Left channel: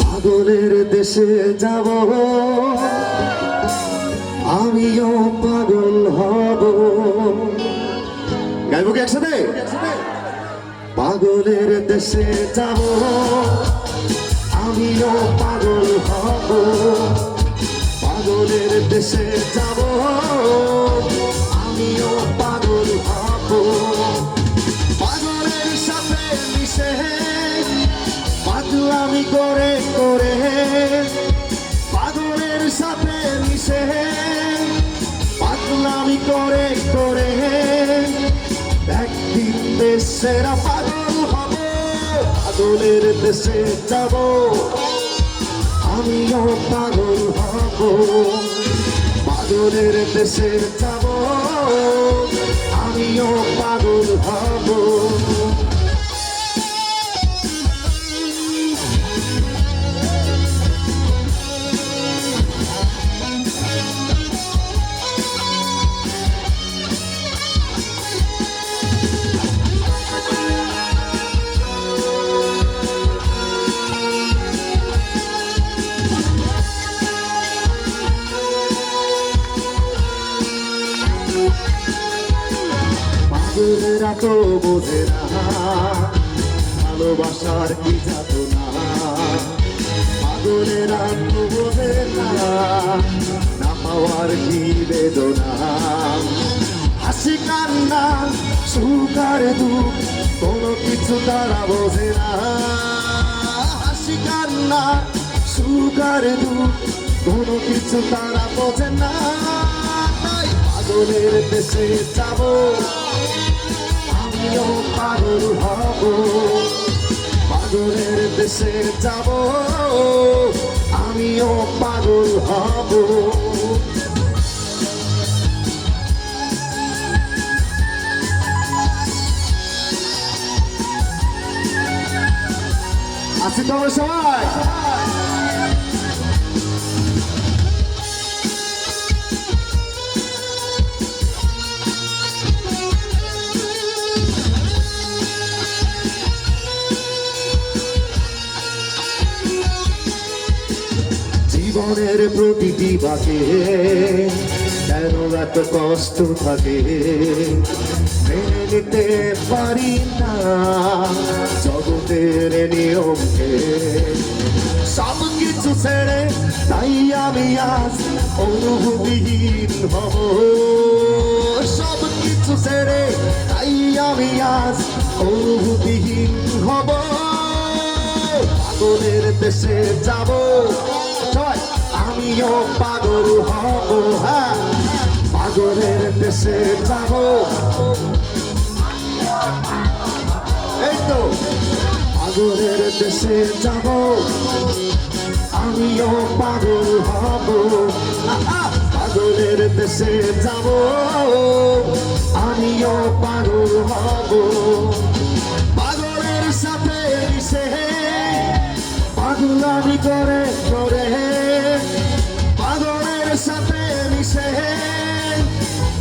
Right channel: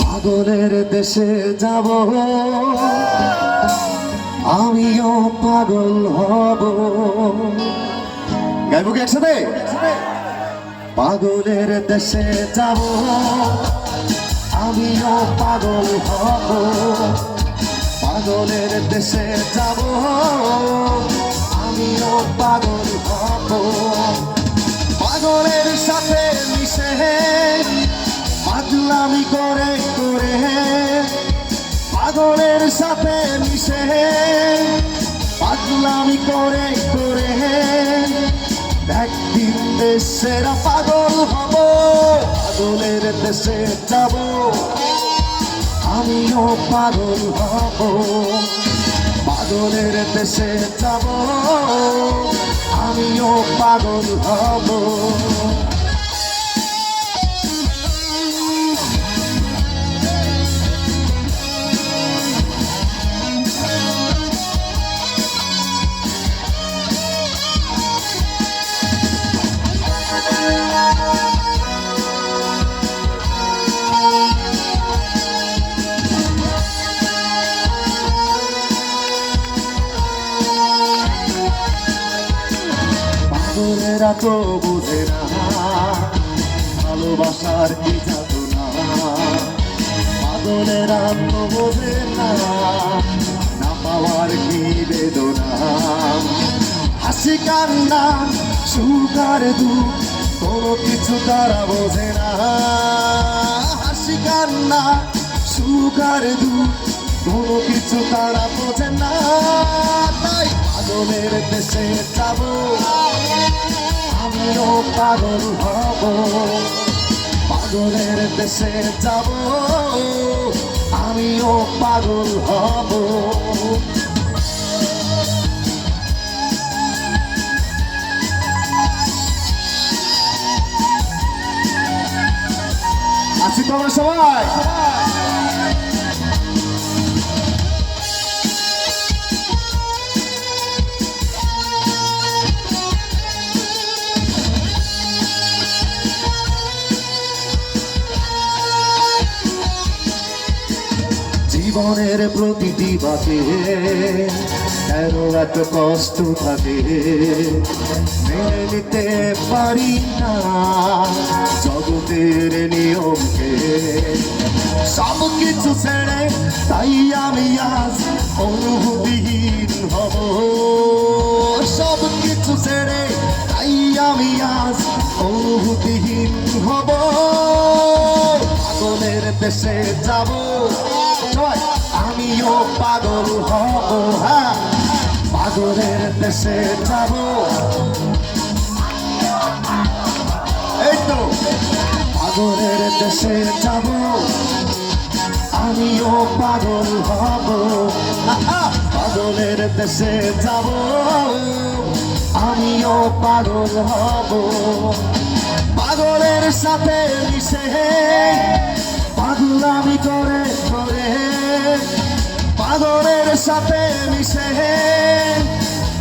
পাগলের দেশে যাব, আমিও পাগল হব। গাইব কি একসাথে? পাগলের দেশে যাব, আমিও পাগল হব। পাগলের দেশে যাব, আমিও পাগল হব। পাগলের সাথে মিশে পাগলামি করে করে, পাগলের সাথে মিশে পাগলামি করে করে, একদিন দেশের পাগল হব। পাগলের দেশে যাব, আমিও পাগল হব। পাগলের দেশে যাব, আমিও পাগল হব। পাগলেরা তো বোঝে না ভালোবাসার কি যাতনা। পাগলেরা তো বোঝে না না পাওয়ার কি বেদনা। হাসি কান্না সুখ আর দুঃখ কোনো কিছু তারা বোঝে না। হাসি কান্না সুখ আর দুঃখ কোনো কিছু তারা বোঝে না। তাই পাগলের দেশে যাব, আমিও পাগল হব। পাগলের দেশে যাব, আমিও পাগল হব। আছি তোমরা সবাই? জীবনের প্রতিটি বাঁকে এর এত কষ্ট থাকে, মেনে নিতে পারি না জগতের নিয়মকে। সব কিছু ছেড়ে তাই আমি আজ অনুভূতিহীন হব। সব কিছু ছেড়ে তাই আমি আজ অনুভূতিহীন হব। পাগলের দেশে যাব, আমিও পাগল হব। হ্যাঁ, পাগলের দেশে যাব, এই তো পাগলের দেশে যাব, আমিও পাগল হব। পাগলের দেশে যাব, আমিও পাগল হব। পাগলের সাথে মিশে পাগলামি করে করে, পাগলের সাথে মিশে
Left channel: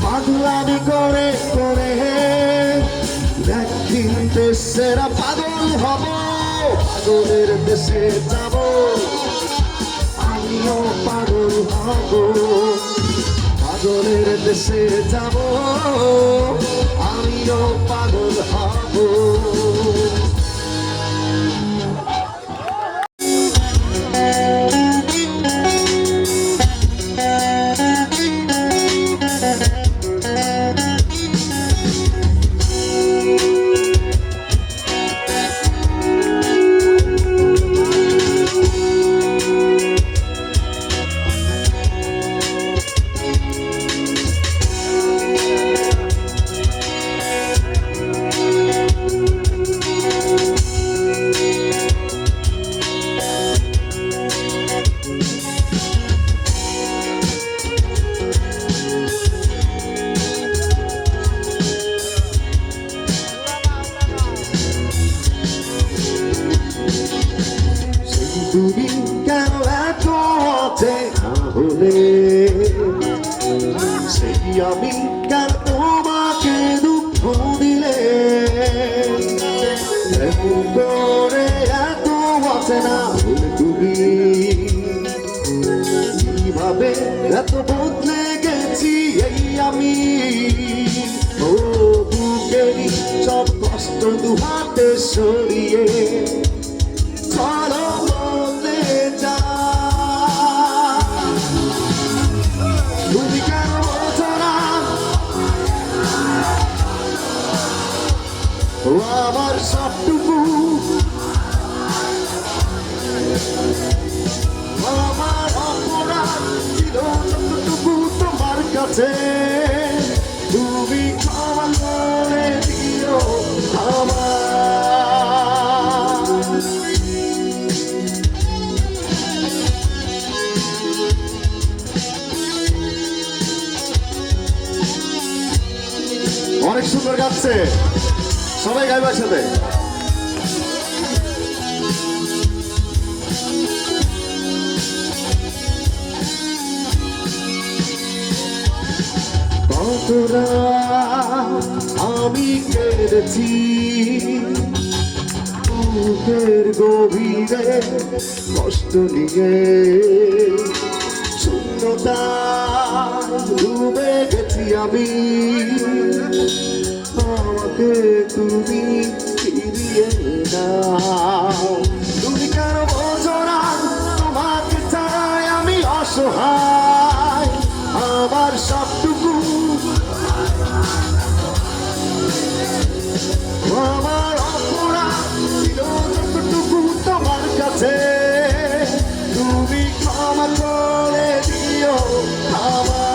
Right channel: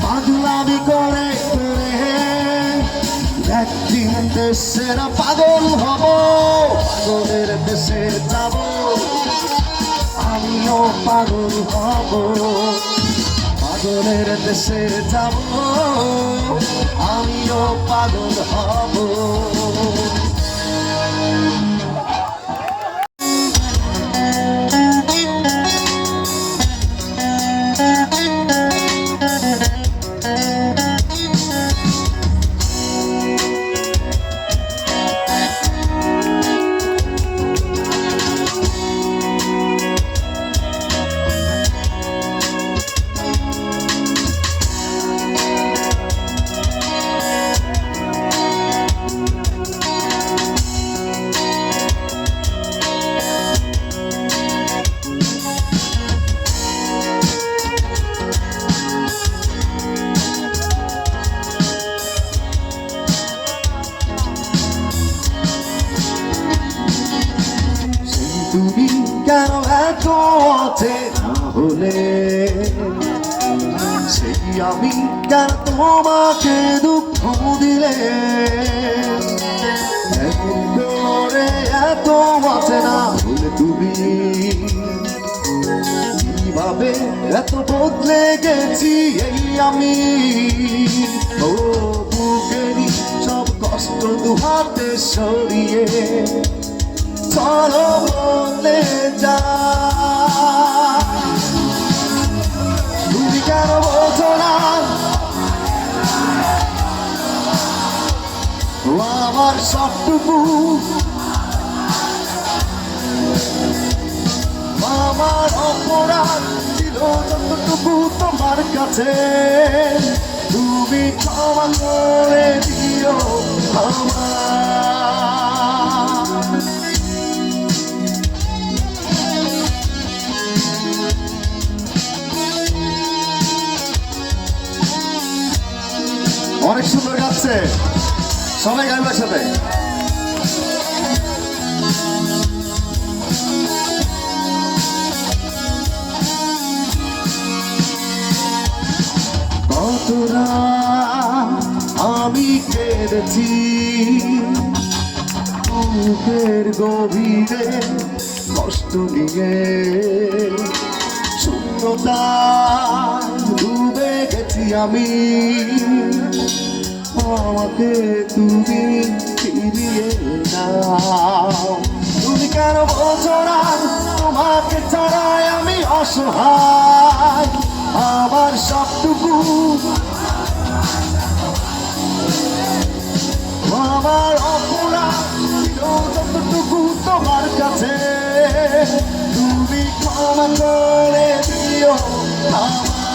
পাগলামি করে করে, একদিন দেশের পাগল হব। পাগলের দেশে যাব, আমিও পাগল হব। পাগলের দেশে যাব, আমিও পাগল হব। তুমি কেন এত অচেনা হলে, সেই আমি কেন তোমাকে দুঃখ দিলে, এমন করে এত অচেনা তুমি কিভাবে এত বদলে গেছি এই আমি ও বুকেরই সব কষ্ট দুহাতে সরিয়ে চলো বলে যা তুমি কেন বোঝো না ও আমার সবটুকু আমার অপরাধ ছিল যতটুকু তোমার কাছে তুমি ক্ষমা করে দিও আমার অনেক সুন্দর গাচ্ছে সবাই গাইবার সাথে কতরা আমি কেঁদেছি বুকের গভীরে কষ্ট নিয়ে শূন্যতা ডুবে গেছি আমি আমাকে তুমি ফিরিয়ে নাও তুমি কেন বোঝো না তোমাকে ছাড়াই আমি অসহায় আমার সবটুকু আমার অপরাধ ছিল যতটুকু তোমার কাছে তুমি ক্ষমা করে দিও আমার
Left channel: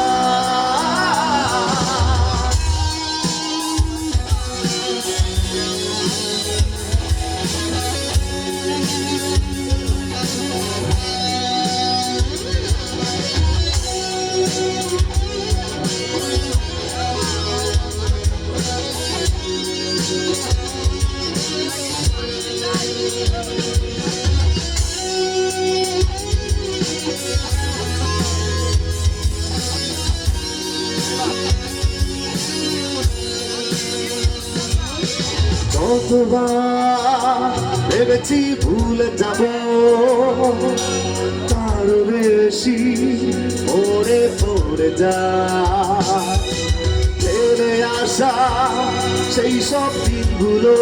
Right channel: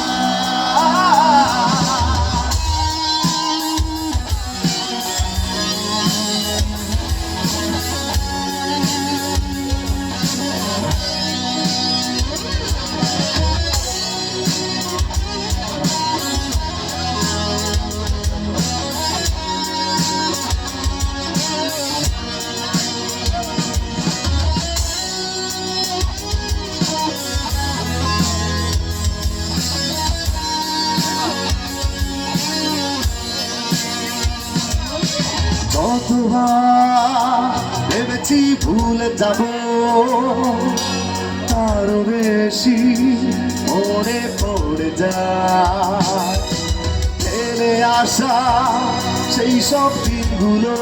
কতবার ভেবেছি ভুলে যাব তার বেশি মনে পড়ে যায় ফেলে আসা সেই সব দিনগুলো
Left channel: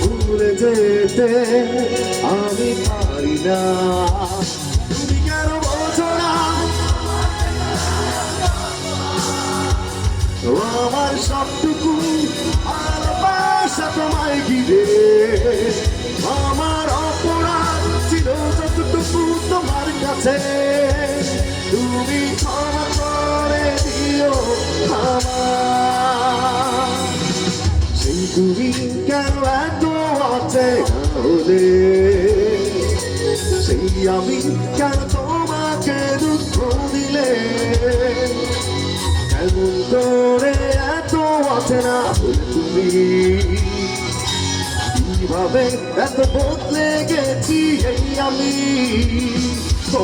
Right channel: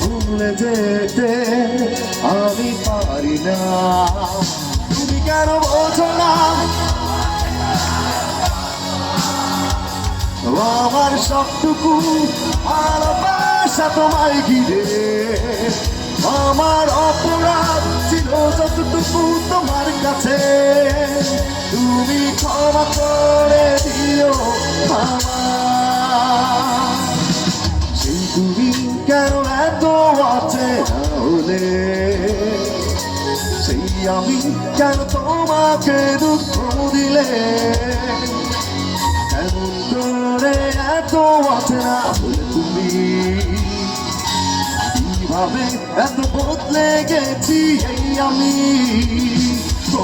ভুলে যেতে আমি পারি না তুমি কেন বোঝো না আমার সবটুকু ভালোবাসা তোমায় ঘিরে আমার অপরাধ ছিল যতটুকু তোমার কাছে তুমি ক্ষমা করে দিও আমার সেই তুমি কেন এত অচেনা হলে সেই আমি কেন তোমাকে দুঃখ দিলে এমন করে এত অচেনা তুমি কিভাবে এত বদলে গেছি এই আমি ও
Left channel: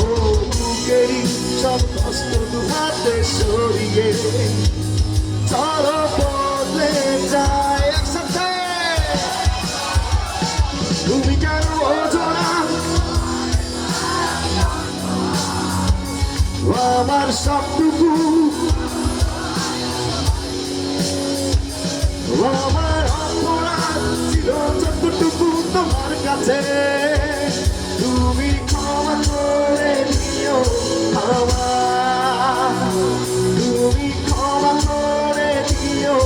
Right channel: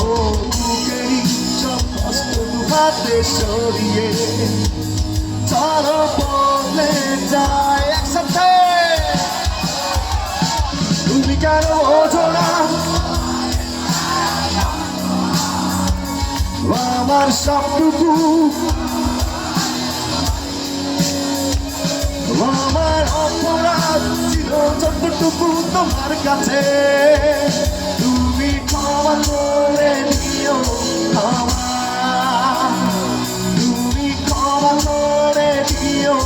বুকেরই সব কষ্ট দুহাতে সরিয়ে চলো বদলে যায় একসাথে তুমি কেন বোঝো না আমার সবটুকু আমার অপরাধ ছিল যতটুকু তোমার কাছে তুমি ক্ষমা করে দিও আমার তুমি ক্ষমা করে দিও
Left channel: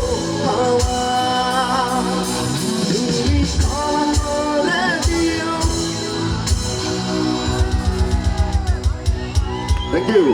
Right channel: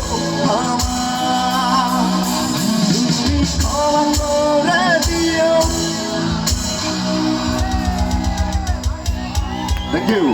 আমার তুমি ক্ষমা করে দিও Thank you.